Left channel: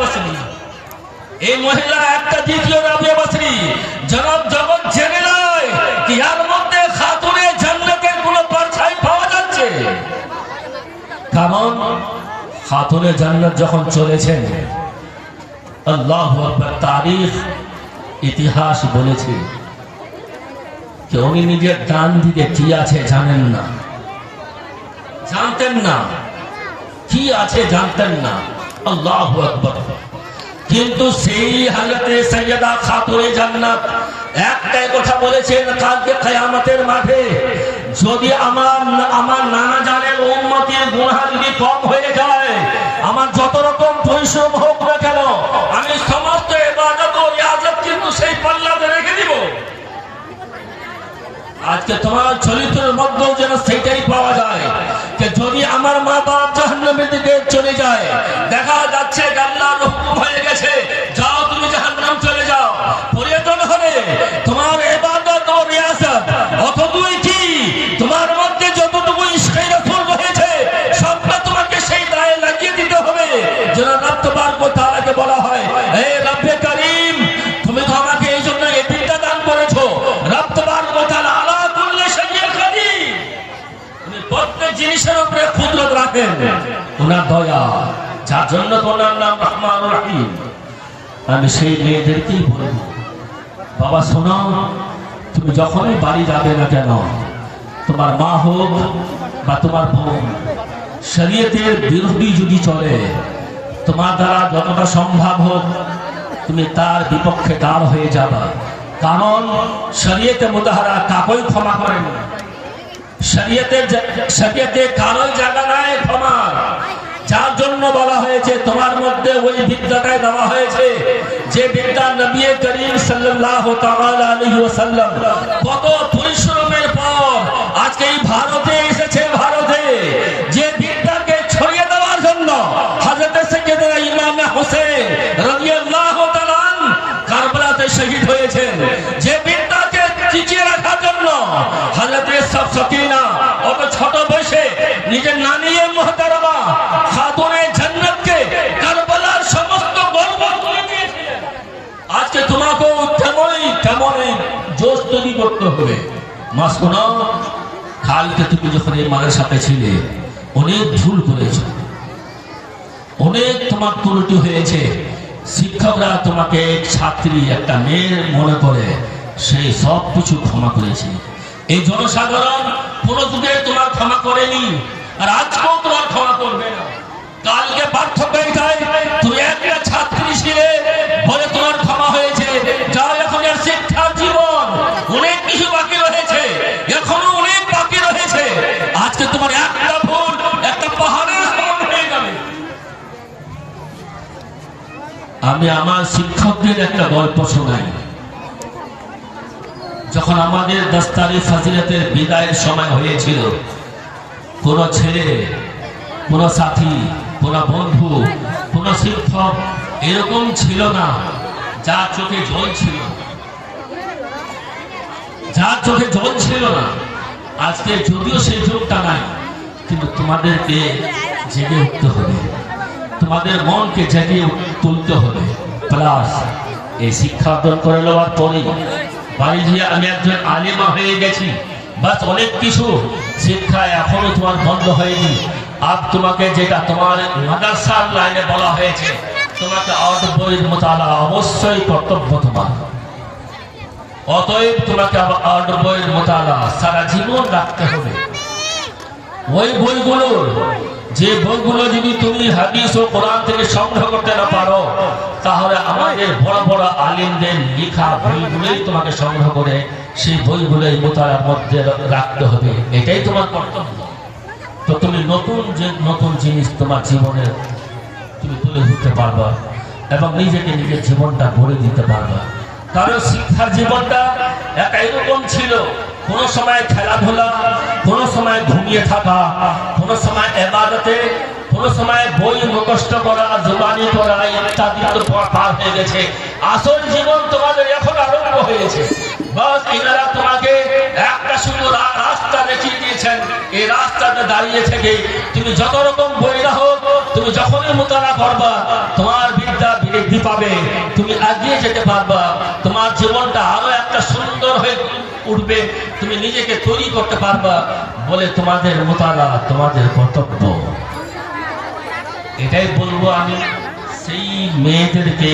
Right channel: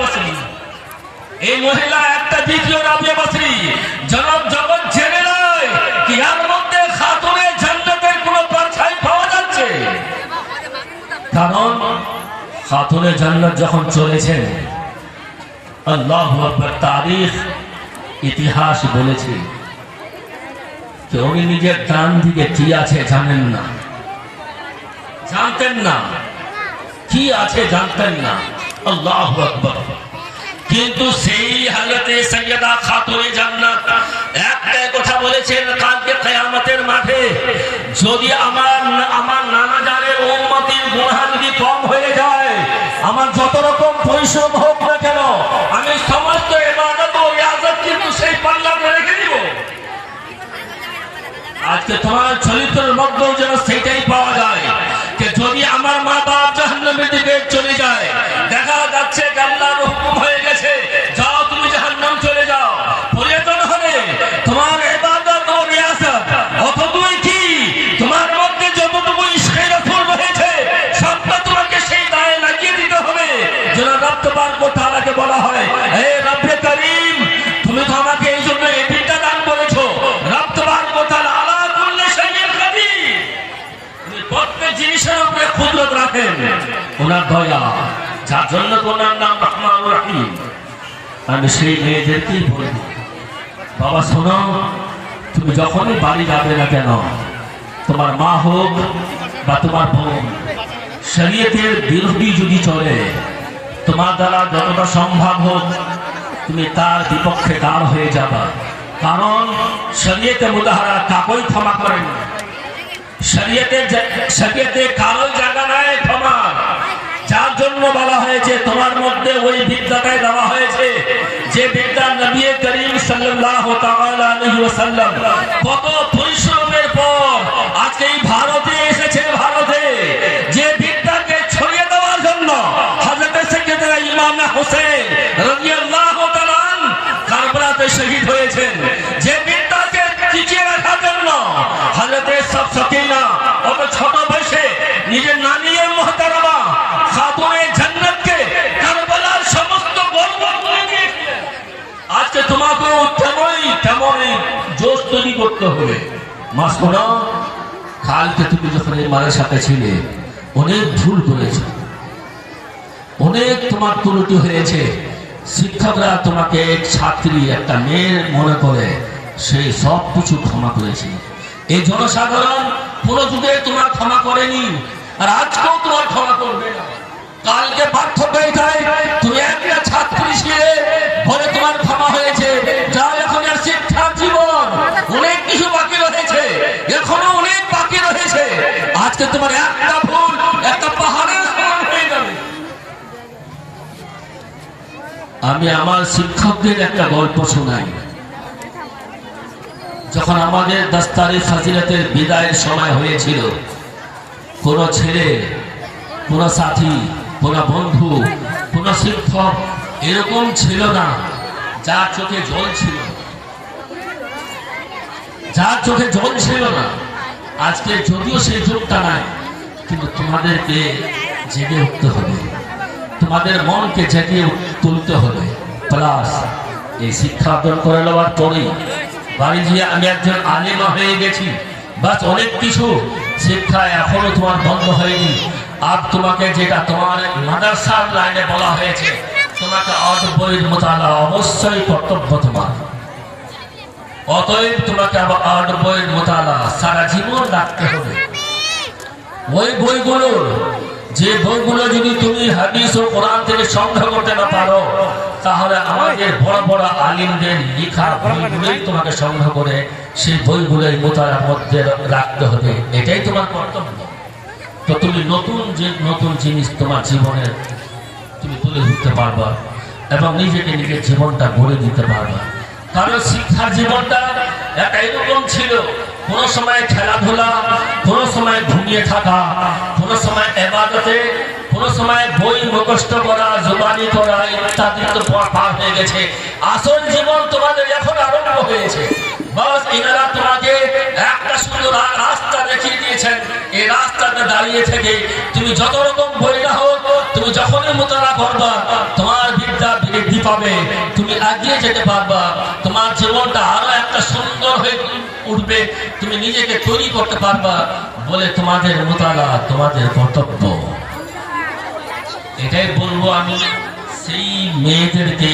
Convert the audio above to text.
বসরি। এই মহিলা একটা দ্বিতীয় রাবিয়া বসরি জনাব জগৎ জেনে নয় কি এর মধ্যে খাতুনে জান্নাতের কোনো পরিচয় পাওয়া যাচ্ছে। কারণ খাতুনে জান্নাত যখন চলেছেন আল্লাহু আকবার, তারিখ ইতিহাস বলেছে যে উনি নিজের ডান দিকে কি আছে জানেন না, জানতেন না কি আছে, জানতেন না। আল্লাহু আকবার। কিন্তু সেই হালতে সাইয়্যিদা খাতুনে জান্নাত একটাই কথা বলেছেন, কালকে কিয়ামতের মাঠে যদি আমার নানা জানের উম্মতের গুনাহ যদি কম হয়ে যায়, আমার যত রকম পরিশ্রম হোক না কেন, আমি সমস্ত ইবাদত ও রিয়াজত কিন্তু সেই পাল্লাতে রেখে দিব। আজকে তোমার চরিত্রের মধ্যেও যেন সেইটাই পাওয়া যায় যে যদি আমার মা বাপ জাহান্নামের দিকে চলে যায়, দেখা যাচ্ছে আল্লাহর হুকুম হয়ে গেছে, যাও তুমি জাহান্নাম চলে যাও। পরিবর্তন হলে তোমার ইবাদত ও রিয়াজত অতটুকুই কি তোমার মধ্যে যতটুকু ইশকে রাসূল রয়েছে সবটা তোমাকে সেই দায়ে লাগিয়ে দিতে হবে। যেন রব তাবারক ওয়া তাআলাকে বলা হয়, হে রব্বে কারীম, তুমি তো আমাকে এই জন্য এই বিদ্যা দান করেছো। রব তাবারক ওয়া তাআলা আলা কুল্লি শাইইন কাদির, উনি প্রত্যেক জিনিসের উপরে কুদরত রাখেন, ওনার দয়া, যার জন্য ওনার নাম রহমানুর রহিম। আমি সেই মেয়েদেরকেই বলবো, বাবা শোনো, তুমি যখনই বাড়ি যাবে না কেন, তোমার মা হোক বা তোমার বোন শরীয়তের বিরোধী যদি চলে, তোমার দ্বারা যতটা সম্ভব হোক তুমি তার বিপক্ষে দাঁড় হয়ে যাবা। কারণ শরীয়তে মুতাহারা কাউকে ক্ষমা করেন না। শরীয়তে কারোর জায়গা নাই ক্ষমার। যার জন্য বলা হয়েছে তোমার মধ্যে ওই বিদ্যাটাই দেওয়া হয়েছে যে বিদ্যা নবী করিম সাল্লাল্লাহু তাআলা আলাইহি ওয়াসাল্লাম কত পরিশ্রমের পর আজকে এই ভারতে এসেছে। ভারতে যে বিদ্যাকে ছড়িয়ে দেওয়ার জন্য হযরত সাইয়্যিদনা ইমাম হোসেন রাদিয়াল্লাহু তাআলা কারবালাতে শহীদ হয়েছেন। যে বিদ্যাকে টিকিয়ে রাখার জন্য হযরত সকিনা অত ছোট বয়সে নিজের নানী মুহতারামা খাতুনে জান্নাতকে কারবালার সমস্ত গর্ব করে দিয়েছে। আজকে তোমাকেও তেমনই জোশ তৈরি করতে হবে। মা শোনো, কালকে তুমি যখন এই মায়ের সাথে ছিলে অনেক ভুল করেছ, অনেক তোমার ত্রুটি হয়েছে। শিক্ষকরা তোমাকে এক ছাত্রী, একটা মেয়ে মনে করে সেই সব কিছু ক্ষমা করেছে। এই জনসাধারণ কোন যুগে তোমার ক্ষমা করেনি, আর আজকেও তোমার ক্ষমা করবে না। কালকে পার্থক্য এটাই, তুমি একটা ছাত্রী ছিলে বলে তোমার ক্ষমা হয়েছে। যাও, এখন শিক্ষার জীবন অনেক কিছু বাকি রয়েছে, এখনো অনেক বাকি রয়েছে। আজকে তোমার একটা ভুল একটা পাহাড়ের সমান হয়ে যাবে। আমি আমার শিক্ষকদের একটা গল্প শোনাই। যখন আমাদের 10 তারিখ ফাজিলাতের বিদায়ের সময় হয়েছিল, কোন ছেলে, কোন সাথী, কোন বন্ধু, কোন শিক্ষক এরকম ছিল না যার চোখে জল ছিল, যার চোখে জল ছিল না। আজকে যদিও সেই যুগটা নাই, কিন্তু তোমাদেরকে জেগে উঠতে হবে, তোমাদের মনকে জেগে তুলতে হবে। প্লাস এই শিক্ষা অর্জন করে নেওয়ার পরেই বাড়ি গিয়ে আমি একজন আলিমা হয়ে গেছি, বাস অনেক কিছু শিক্ষা এখনো তোমার বন্ধ হয়নি। আর তোমাকে যেটা তোমার মাদ্রাসার লাইনে বলা হয়েছে, তোমাকে আট বইয়ের মোতালা অবশ্যই কর্তব্য তোমার। অতএব তোমাকে আবার আট বইয়ের মোতালা সারা জীবন রাখতে হবে। ওই বইগুলোর যে বইগুলো যদি তুমি হাদিস ও কোরআন থেকে সংগ্রহ করতে না পারো, তাহলে আমাদের বড় বড় আলিমদের লেখা বইগুলোই তোমাকে সংগ্রহ করে সেই বইগুলোই মোতালার মধ্যে রাখতে হবে। এটাই তোমার কর্তব্য। তো তুমি নতুন জিনিস তোমার জীবনের তুমি তুলে ধরতে পারবা এবং নিজের জীবনটা গড়ে দিতে পারবা। কারণ শিক্ষার জীবনটা এরকম ছিল, কোন সময় খেলাধুলা, কোন সময় ঘুমিয়ে থাকা, কোন সময় ইবাদতে, কোন সময় বই মুখস্থ করা, জবানি করা ইত্যাদি তো পার হয়ে গেছে। আসল জীবন তোমাদের এখন আরম্ভ হয়েছে। বাস এনারা তোমাকে একটা সুন্দর রাস্তা দেখিয়ে দিয়েছেন। এই রাস্তাতে দাঁড়িয়ে থেকে তুমি যত রকম বই না হোক, তুমি যখনই মোতালা করবা তোমার বিদ্যা বৃদ্ধি পাবে, তুমি এগিয়ে যেতে পারবা, তোমার জীবনটা আরো একটা সুন্দর হয়ে উঠবে, তুমি নিজেকে তৈরি করতে পারবা বলে তোমাদের মোতালা তোমাদের কর্তব্য। এটাই বলবো আমি সেই মেয়েদেরকে।